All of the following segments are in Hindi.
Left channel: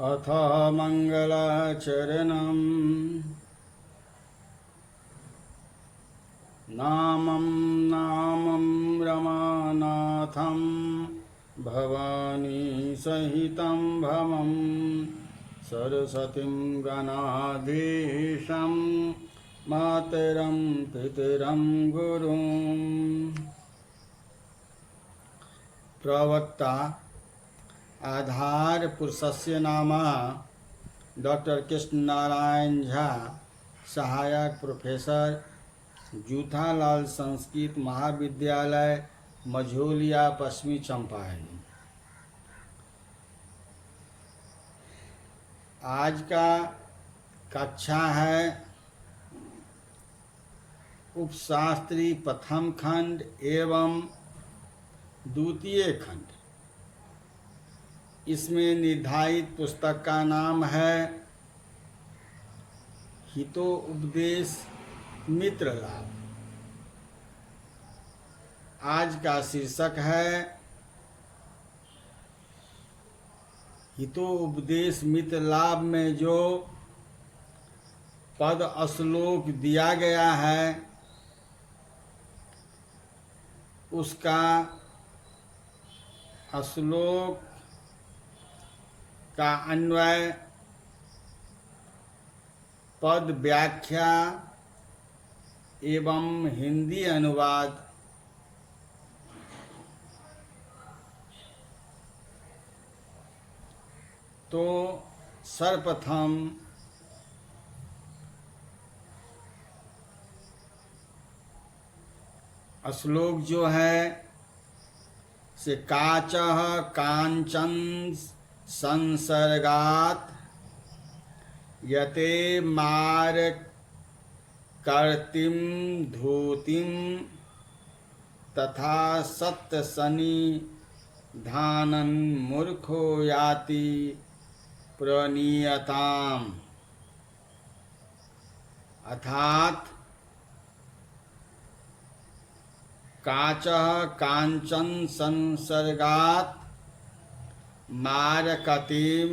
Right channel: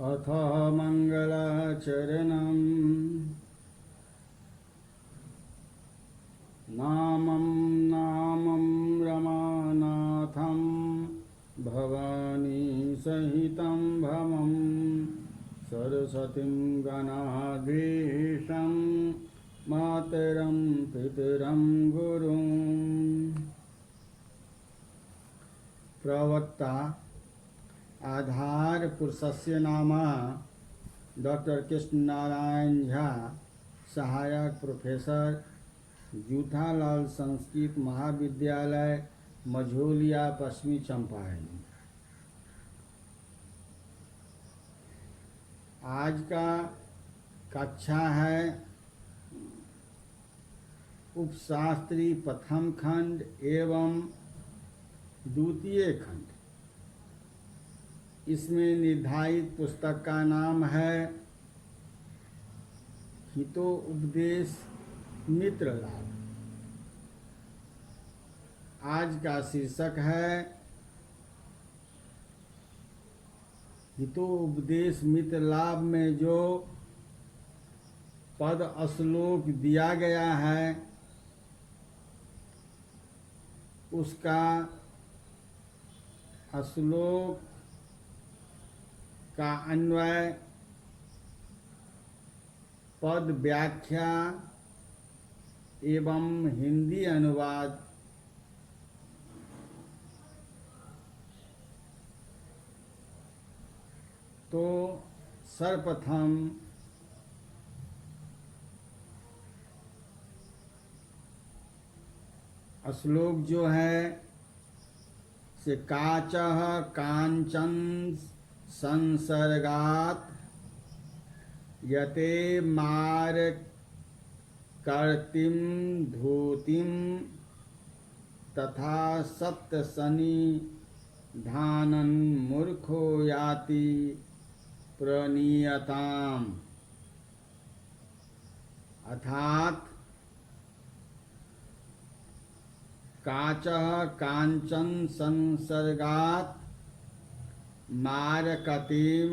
अथ मङ्गलाचरणम् नामं रमानाथं भवानी सहितं भवं सरस्वतीं गणाधीशं मातरं पितरं गुरुं। प्रवक्ता आधार पुरुषस्य नाम डॉक्टर कृष्ण नारायण झा, सहायक प्रोफेसर, जूथालाल संस्कृत महाविद्यालय, मझौलिया, पश्चिमी चंपारण। आज का कक्षा है उपशास्त्री प्रथम खंड एवं द्वितीय खंड। इसमें निर्धारित पुस्तक का नाम है हितोपदेश मित्र लाभ। आज का शीर्षक है हितोपदेश मित्र लाभ में जो पद श्लोक दिया गया है उसका श्लोक का अन्वय, पद व्याख्या एवं हिंदी अनुवाद तो सर्वप्रथम श्लोक जो है से काचः कांचन संसर्गात् यते मारकर्तिं धूतिं तथा सत्सन्निधानं मूर्खो याति प्रणीयताम्। अर्थात काचः कांचन संसर्गात् मारकतिं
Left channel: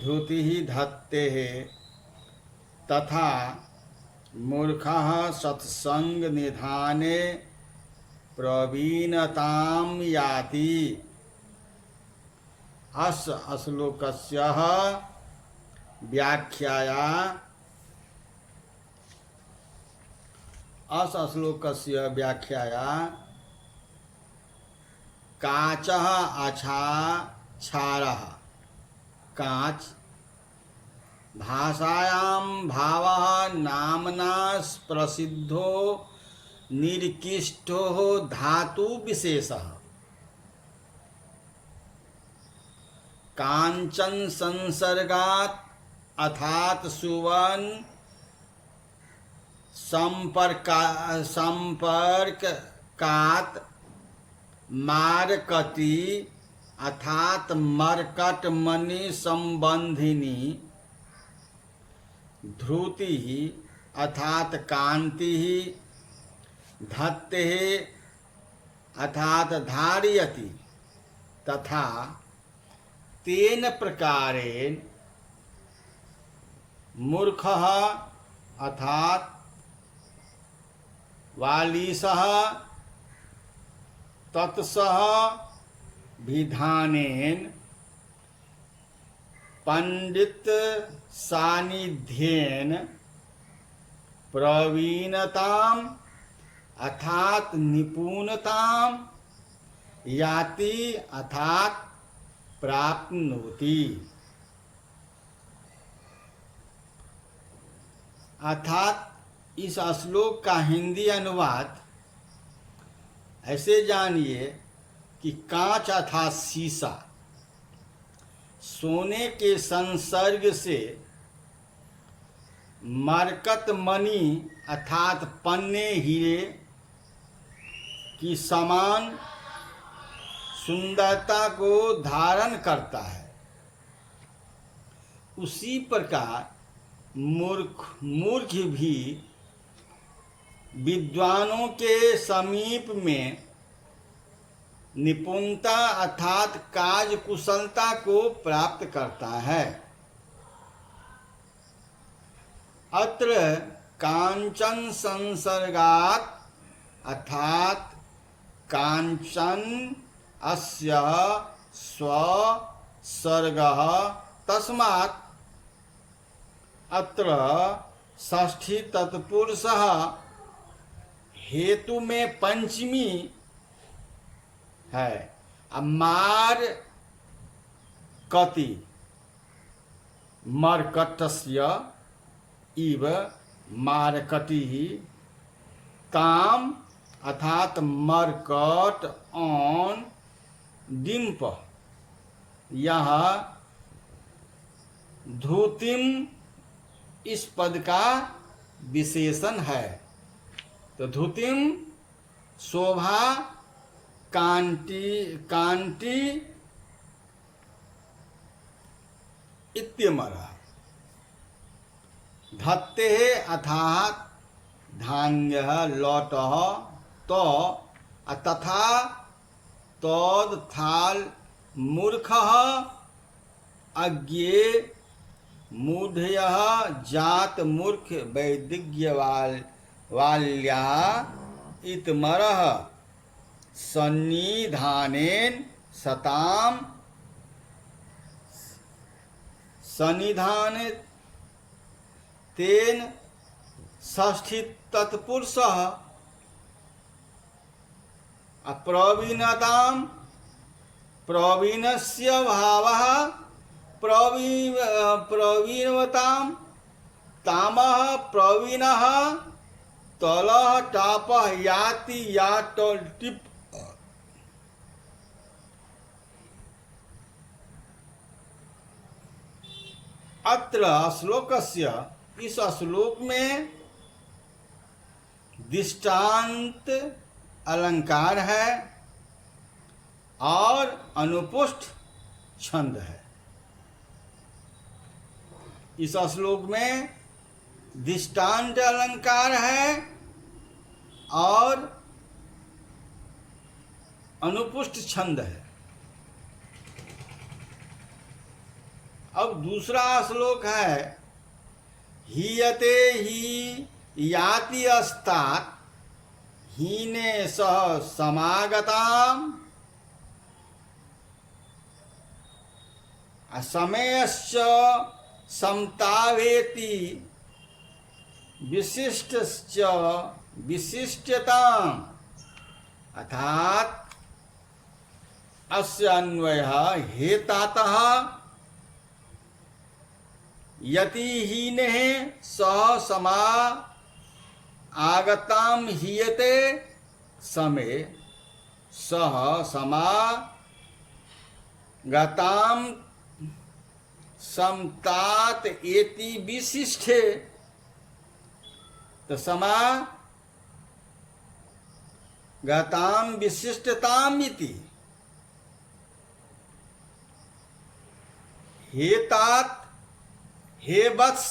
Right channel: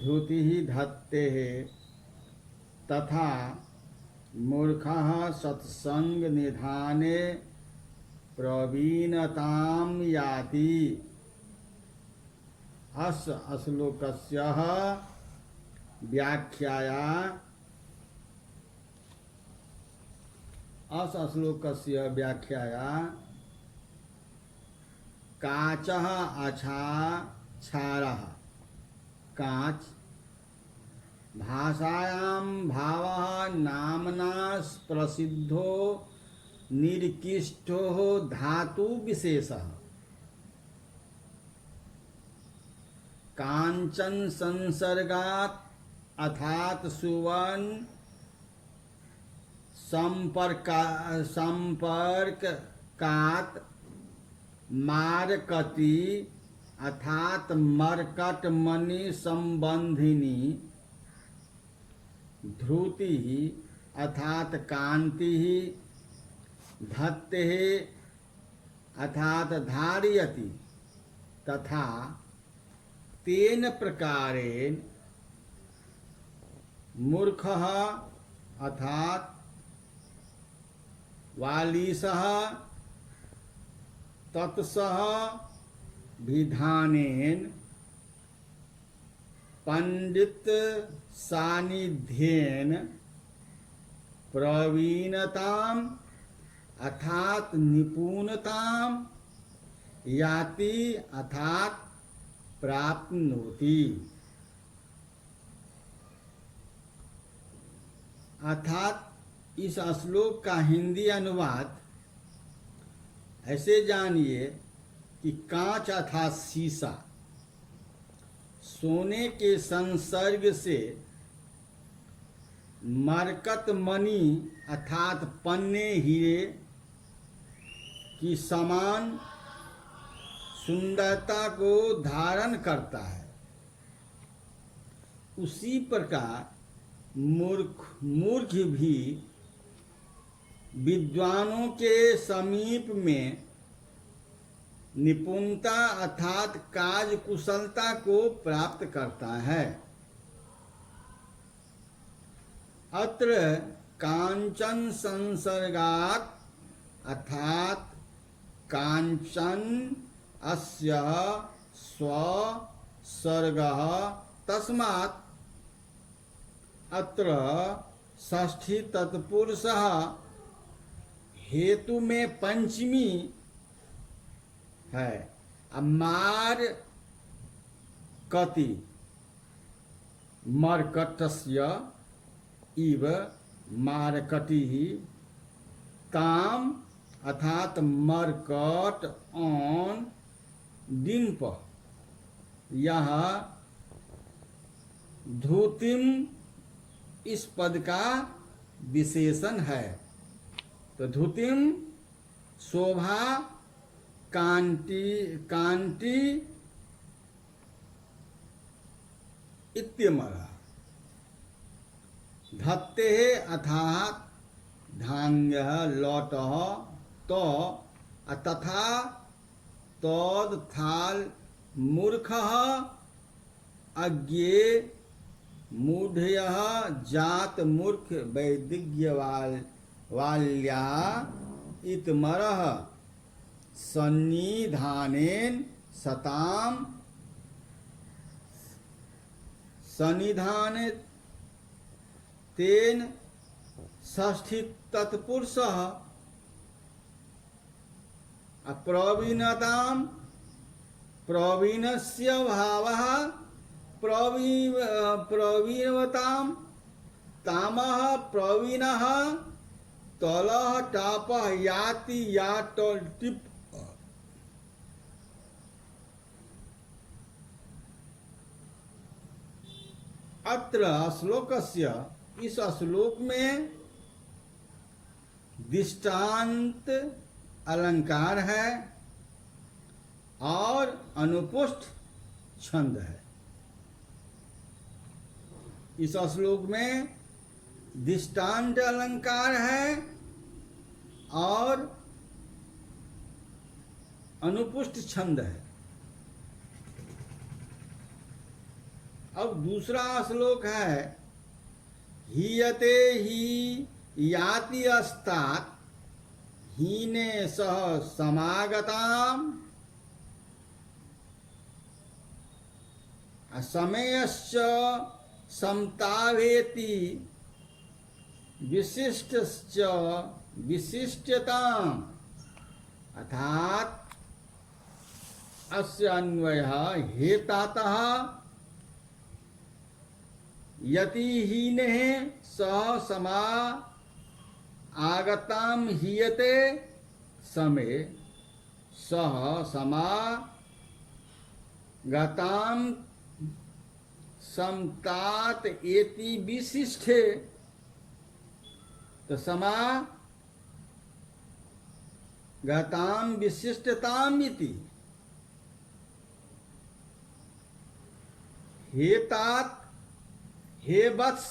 धूतिः धत्तेः तथा मूर्खः सत्संग निधाने प्रवीणतां याति। अस्य श्लोकस्य व्याख्याया काचः क्षारः, कांच भाषायां भावः नामना प्रसिद्धो निर्किष्टो धातु विशेषः। कांचन संसर्गात् अर्थात सुवर्ण संपर्कात्, मारकती अर्थात मरकट मणि संबंधिनी, ध्रुति अर्थात कांति, धत्ते अर्थात धारयति तथा तेन प्रकारेण मूर्खः अर्थात वालीसः तत्सह विधानेन पंडित सानिध्येन प्रवीणताम अर्थात निपुणताम याति अर्थात प्राप्नोति। अर्थात इस श्लोक का हिंदी अनुवाद ऐसे जानिए कि कांच अर्थात शीशा, सोने के संसर्ग से मरकत मणि अर्थात पन्ने हीरे की समान सुंदरता को धारण करता है। उसी प्रकार मूर्ख भी विद्वानों के समीप में निपुणता अर्थात कार्य कुशलता को प्राप्त करता है। अत्र कांचन संसर्गात् अर्थात कांचन अस्य स्वसर्गः तस्मात् अत्र षष्ठी तत्पुरुषः हेतु में पंचमी है। मार कति मर्कटस्य इव मारकटी ताम अर्थात मरकट ऑन डिम्प यह धूतिम इस पद का विशेषण है। तो धूतिम शोभा कांति कांति इत्यमरः धत्ते अर्थात धान्यः लौटः तो तथा तोद थाल मूर्खः अज्ञे मूढ़यः जात मूर्ख वैदिज्ञवाल्या इतमरः सन्निधानेन सताम सन्निधान तेन षष्ठी तत्पुरुषः अप्रवीणताम प्रवीणस्य भावः प्रवीणवताम तामः प्रवीणः तलः टापः याति याट टिप अत्र श्लोकस्य इस श्लोक में दृष्टांत अलंकार है और अनुपुष्ट छंद है। इस श्लोक में दृष्टांत अलंकार है और अनुपुष्ट छंद है। अब दूसरा श्लोक है हीयते ही याति अस्तात् हीने सह समागताम असमयश्च समतावेति विशिष्टश्च विशिष्टताम अर्थात अस्य अन्वयः हेतातः यतिहीनेः सह समा आगताम हीयते समे सह समागताम समतात एति विशिष्टे तो समागताम विशिष्टताम इति हेतात हे वत्स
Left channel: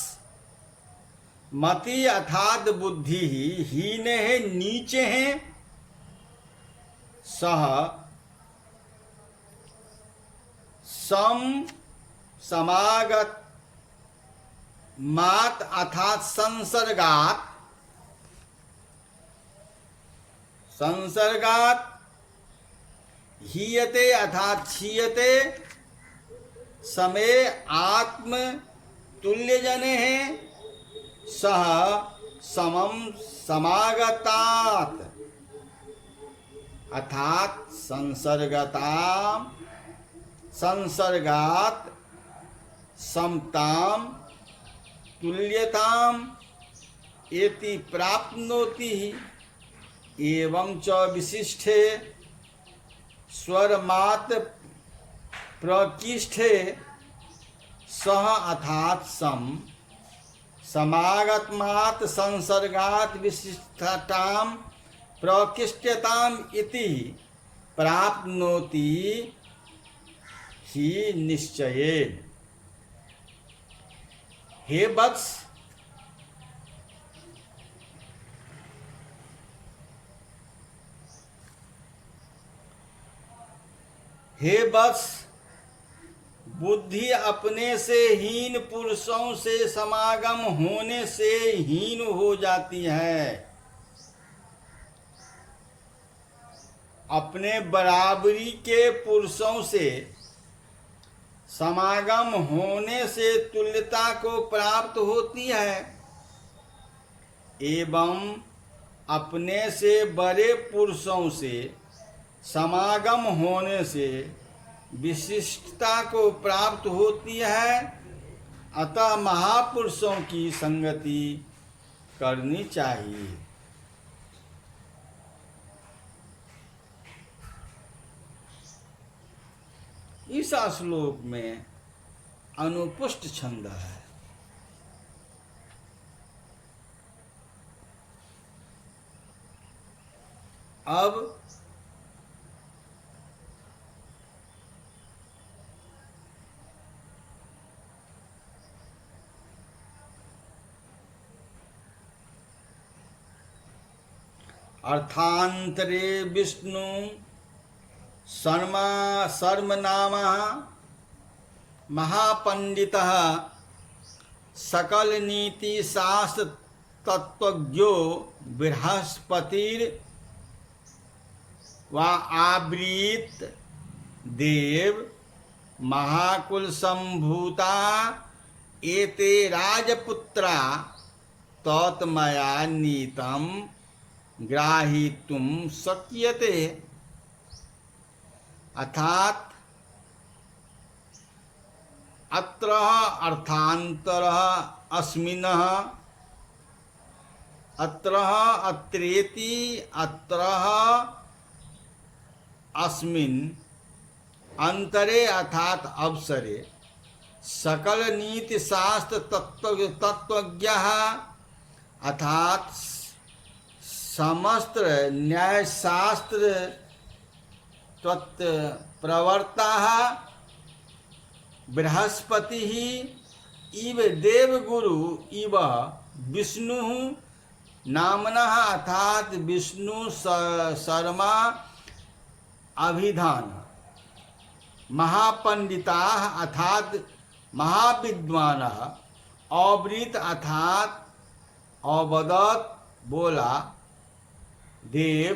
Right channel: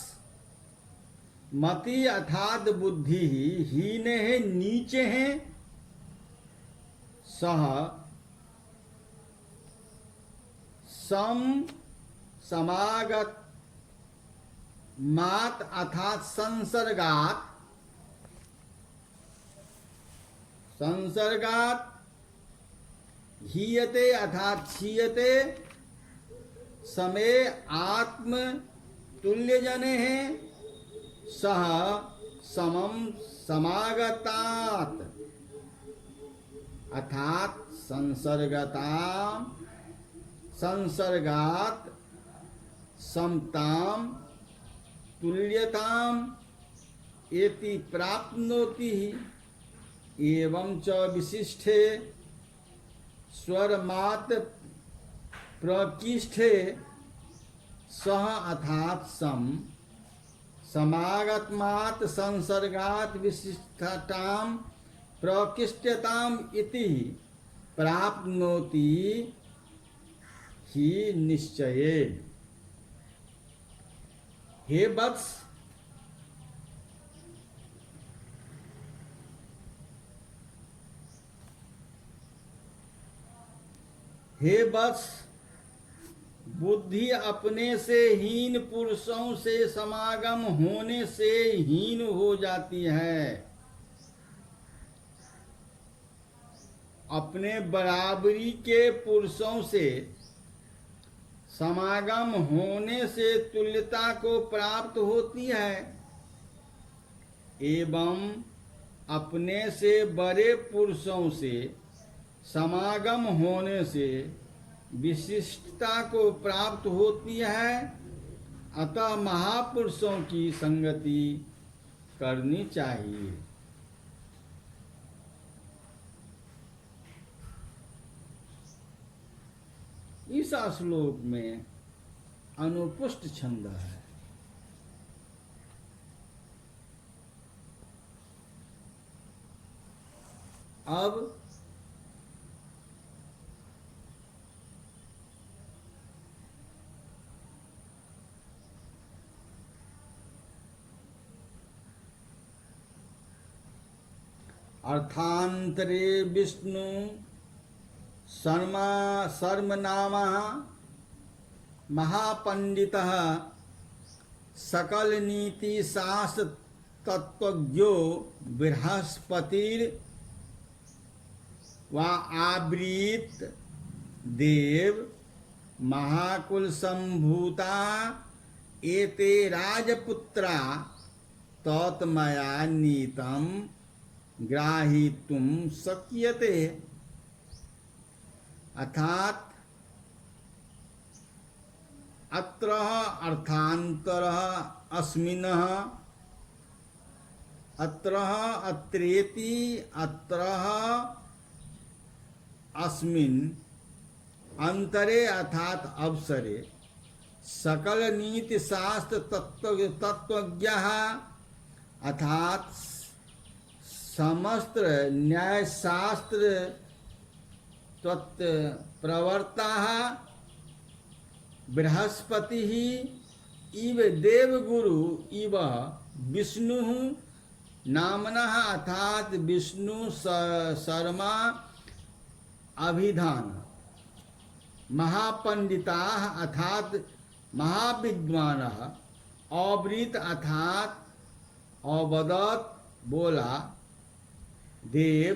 मति अर्थात बुद्धि हीने है नीचे हैं सह समागत मात अर्थात संसर्गात हीयते अर्थात क्षीयते समय आत्म तुल्य जने हैं सह समम समागतात अर्थात संसर्गात समताम तुल्यताम एति प्राप्नोति एवं च विशिष्टे स्वरमात प्रकिष्ठे सह अर्थात समागतमात संसर्गात विशिष्टताम प्रकिष्ठताम इति प्राप्नोति ही निश्चयेन। हे वत्स हे वत्स, बुद्धि अपने से हीन पुरुषों से समागम होने से हीन हो जाती है। अपने बराबरी के पुरुषों से समागम होने से तुल्यता को प्राप्त होती है, एवं अपने से बड़े पुरुषों से समागम होने से विशिष्टता को प्राप्त होती है। अतः महापुरुषों की संगति करनी चाहिए। इस श्लोक में अनुपुष्ट छंद है। अब अर्थांतरे विष्णु सर्वनामः महापंडितः सकल नीति शास्त्र तत्वज्ञो बृहस्पतिर व आब्रीत देव महाकुल संभूता एते राजपुत्रा तत्मया नीतम ग्राहीतुम शक्यते। अर्थात अत्र अर्थांतरः अस्मिन्नः अत्र अत्रेति अत्र अस्मिन् अंतरे अर्थात अवसरे सकल नीति शास्त्र तत्वज्ञः अर्थात समस्त न्याय शास्त्र प्रवर्ता बृहस्पति इव देवगुरु इव विष्णु नामनः अर्थात विष्णु शर्मा अभिधान महापंडिता अर्थात महाविद्वानः अवृत अर्थात अवदत बोला देव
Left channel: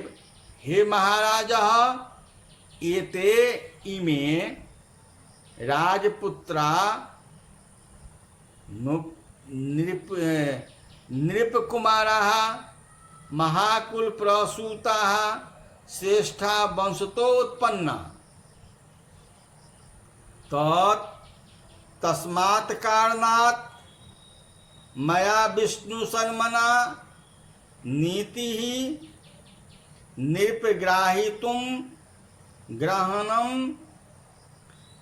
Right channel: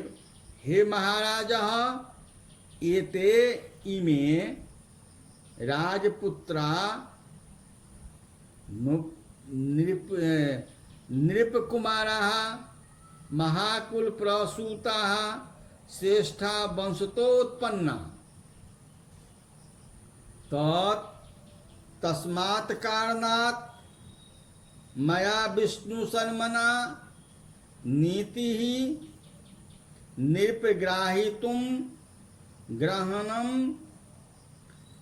हे महाराजः एते इमे राजपुत्रा नृपकुमाराः महाकुल प्रसूताः श्रेष्ठा वंशतोत्पन्ना तस्मात् कारणात् मया विष्णु शर्मणा नीति नृपग्राहीतुं ग्रहणं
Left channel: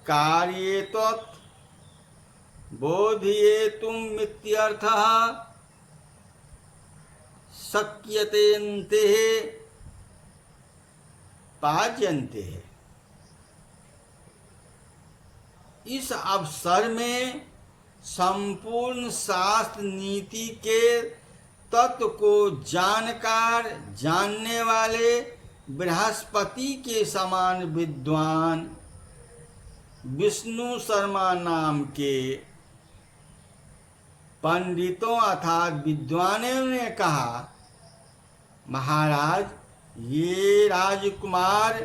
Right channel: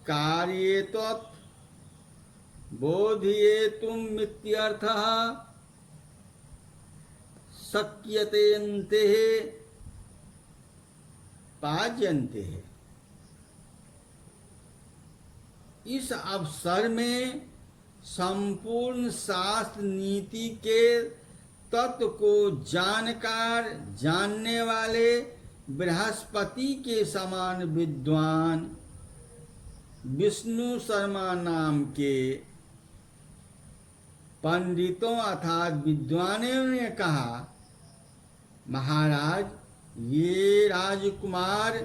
कार्येतत् बोधयेतुमित्यर्थः शक्यतेन्ते पाज्यन्ते। इस अवसर में संपूर्ण शास्त्र नीति के तत्व को जानने वाले बृहस्पति के समान विद्वान विष्णु शर्मा नाम के पंडितों अर्थात विद्वानों ने कहा, महाराज ये राजकुमार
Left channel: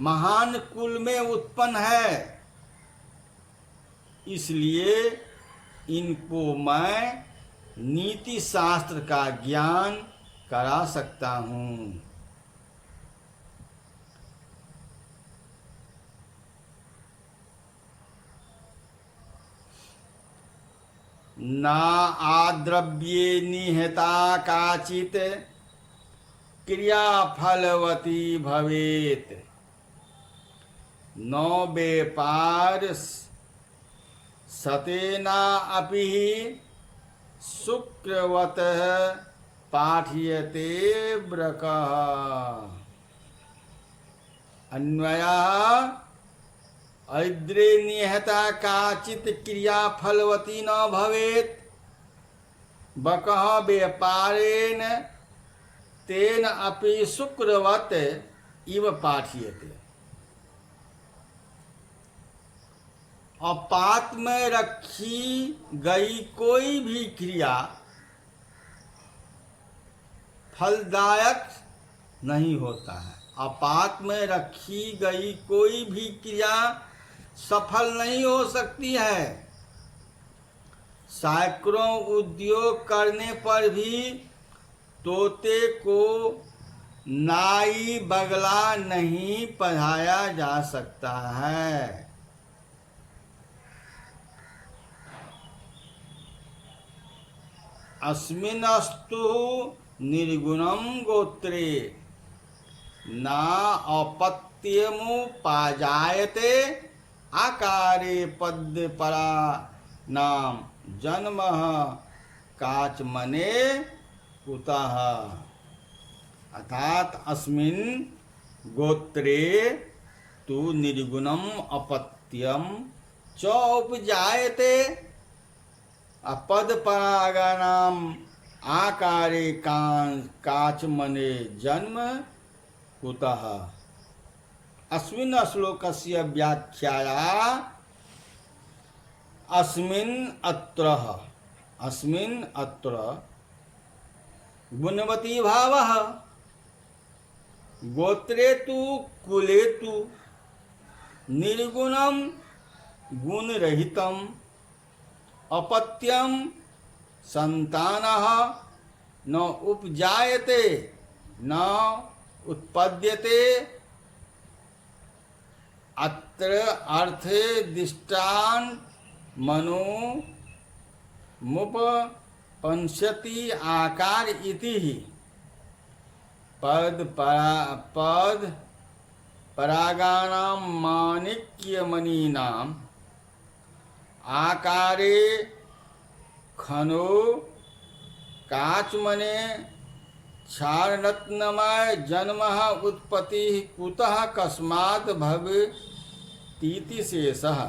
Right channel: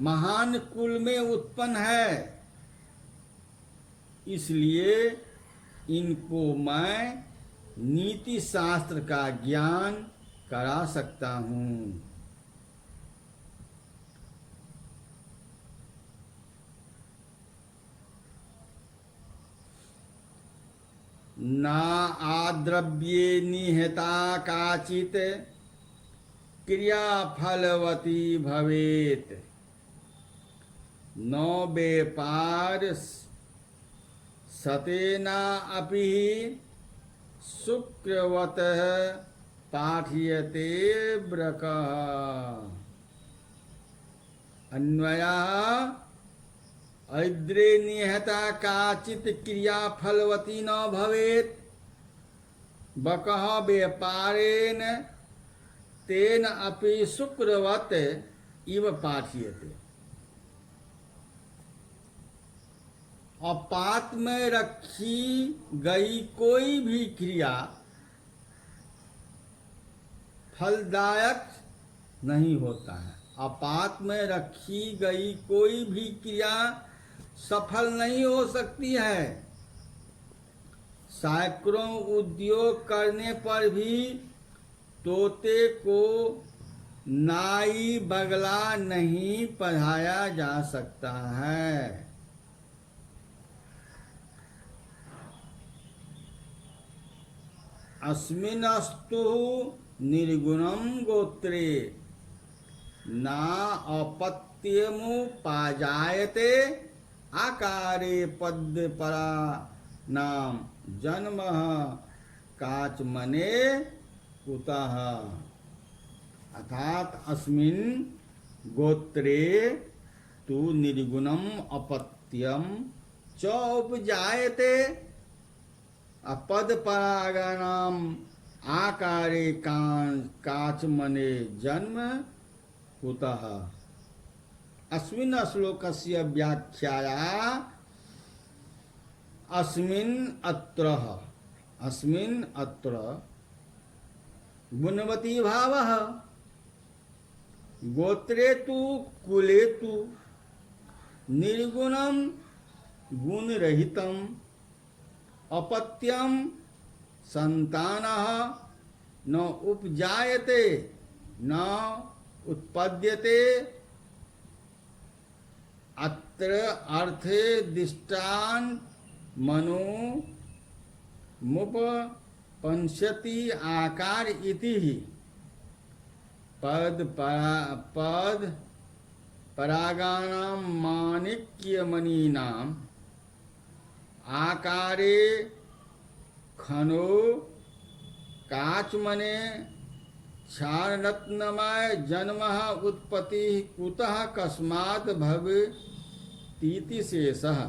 महान कुल में उत्पन्न है, इसलिए इनको मैं नीति शास्त्र का ज्ञान करा सकता हूँ। ना आद्रव्ये निहता काचित क्रिया फलवती भवेत, नो व्यापार सतेना अपि शुक्रवत पाठ्यते ब्रकः। अन्वयः ऐद्रे निहता काचित क्रिया फलवती न भवेत, बकः व्यापारेण तेन अपि शुक्रवत इव पाठ्यते। अपात में रखी गई कोई भी क्रिया फलदायक नहीं होता है। अपात में रखी गई कोई भी क्रिया सफल नहीं हो सकती है। सैकड़ों उद्योग करने पर भी तोते को नाई बगला नहीं पढ़ाया जा सकता है। अस्मिनस्तु निर्गुणम गोत्रे ना अपत्यमुपाजायते आकारे पद्य परा नाम जन्म काचमने कुतः। अर्थात अस्मिन गोत्रे तु निर्गुणम अपत्यम च उपजायते अपद परागानाम आकारे काचमने जन्म कुतः। अस्मिन् श्लोकस्य व्याख्याया अस्मिन् अत्र गुणवती भावः गोत्रे तु कुले तु निर्गुणं गुणरहितं अपत्यं संतानः न उपजायते न उत्पद्यते। अत्र अर्थे दिष्टान मनो मुपपंसति आकार इति पद परागानां माणिक्यमणीनां आकारे खनो काचमने क्षाररत्नमय जन्म उत्पत्ति कुतः कस्मात् भवेतीति शेषः।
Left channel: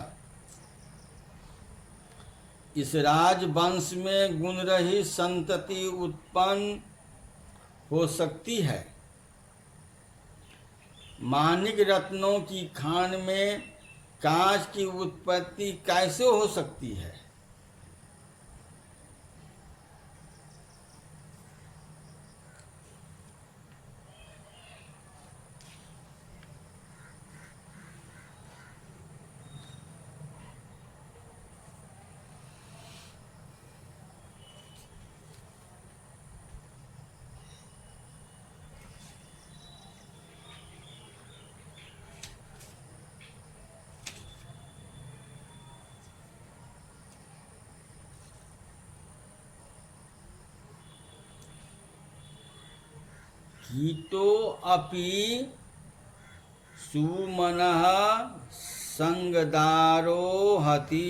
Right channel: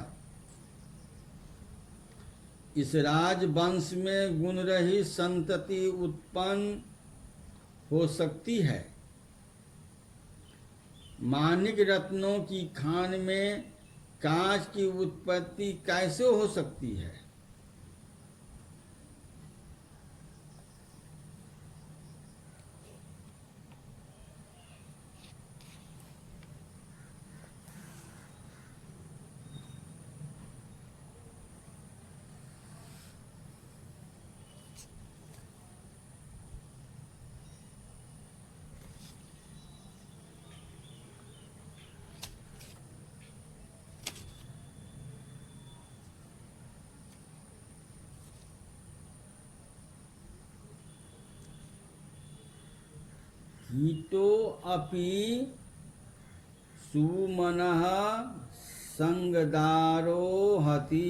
इस राजवंश में गुण रही संतति उत्पन्न हो सकती है। माणिक रत्नों की खान में कांच की उत्पत्ति कैसे हो सकती है? कीटो अपि सुमनः संगदारोहति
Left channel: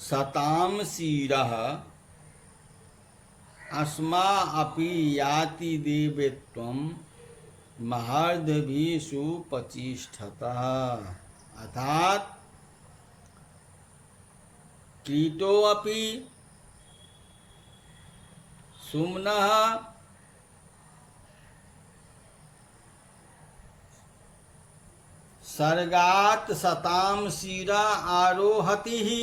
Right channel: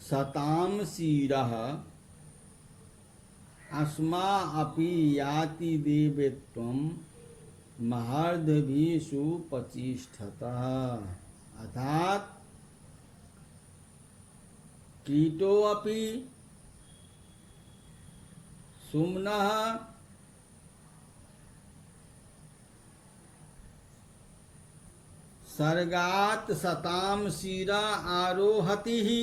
सताम शिरः अस्मा अपि याति देवत्वं महर्दभिषु प्रतिष्ठतः। अर्थात कीटो अपि सुमनः सर्गात सताम शिरा आरोहति ही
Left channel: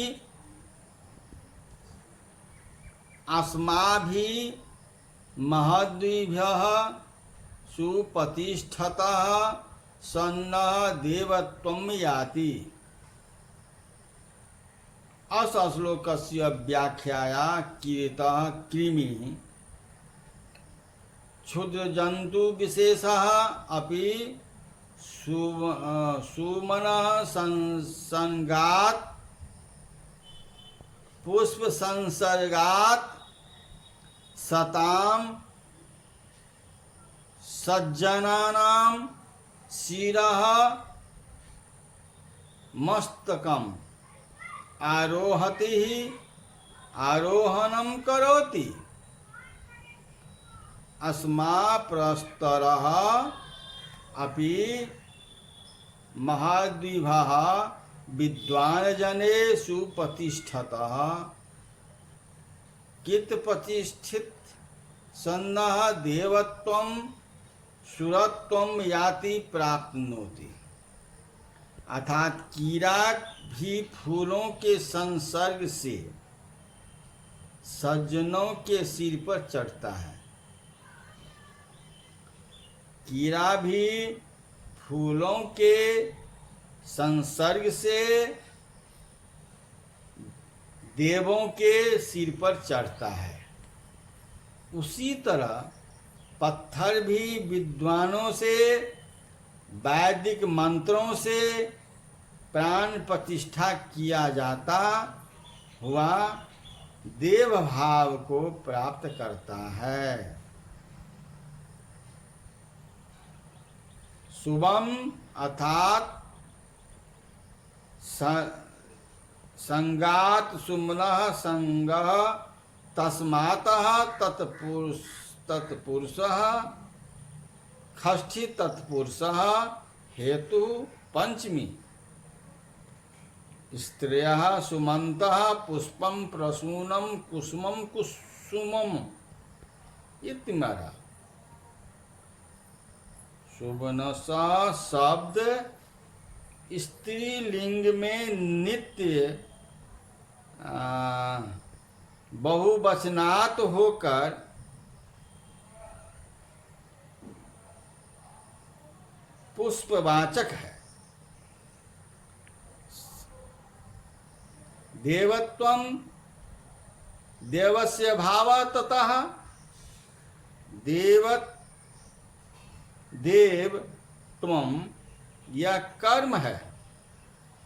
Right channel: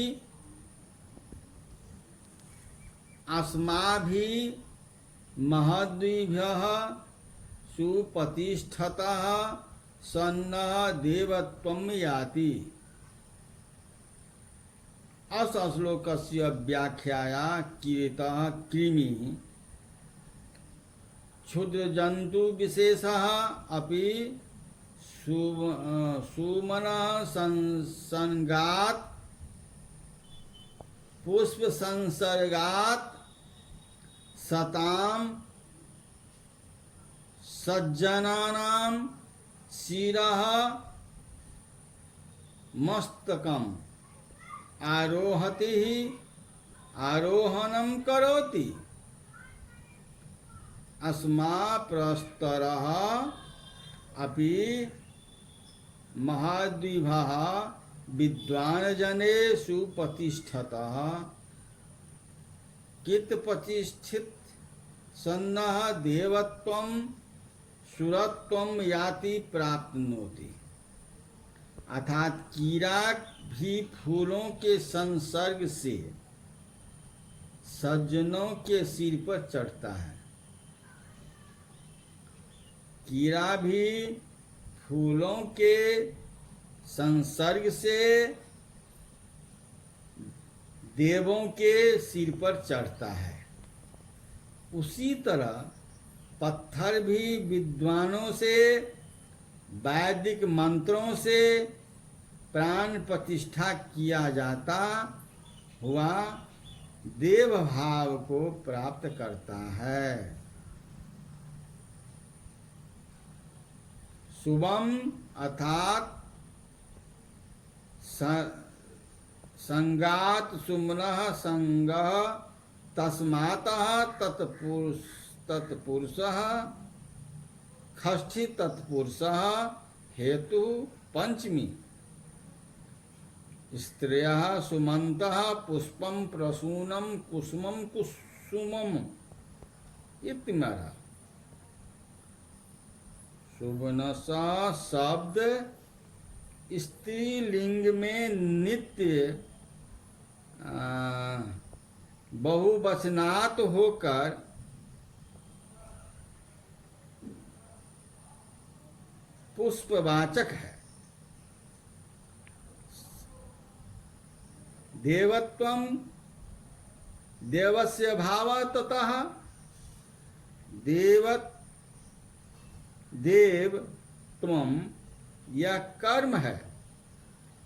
अस्माभि महद्भिः सुप्रतिष्ठतः सन्नः देवत्वं याति। अस श्लोकस्य व्याख्याया कीर्तः कृमि क्षुद्रजन्तु विशेषः अपि सुमनः संगात पुष्प संसर्गात सताम सज्जनानां शिरः मस्तकम आरोहति आरोहणं करोति अस्मा प्रस्तरः अपि महाद्विभः विद्वानजने सुप्रतिष्ठतः कित्प्रतिष्ठित सन्नः देवत्वं सुरत्वं याति प्राप्नोति। अर्थात कीड़ा भी फूलों के संसर्ग से सज्जनों के सिर पर चढ़ता है। कीड़ा भी फूलों के संसर्ग से देवों के सिर पर चढ़ता है। उसी तरह पत्थर भी विद्वानों से वैदिक मंत्रों से प्राण प्रतिष्ठा किया जाता हुआ देव भाव को प्राप्त करता है। शुभम अर्थात संगात सुमनः संगः तस्मातः तत्पुरुषः षष्ठी तत्पुरुषः हेतु पंचमी स्त्रियः सुमन्तः पुष्पम प्रसूनम कुसुमम कुसुमम इत्यादि। सुबनसा शब्द स्त्रीलिंग में नित्य बहुवचनात् होकर पुष्पवाचक है। देवत्वम देवस्य भाव ततः देव त्वम यह कर्म है।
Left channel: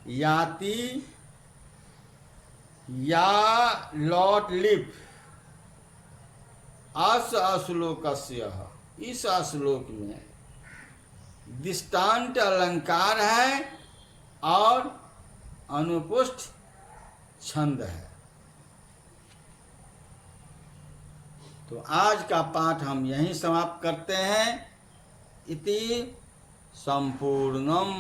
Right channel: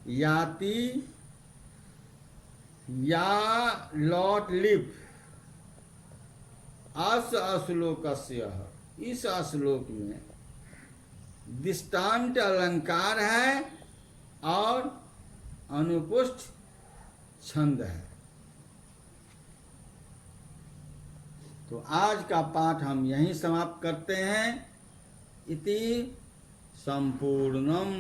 याति या लॉट लिप अश्लोकस्य इस श्लोक में दृष्टांत अलंकार है और अनुपुष्ट छंद है। तो आज का पाठ हम यहीं समाप्त करते हैं। इति संपूर्णम।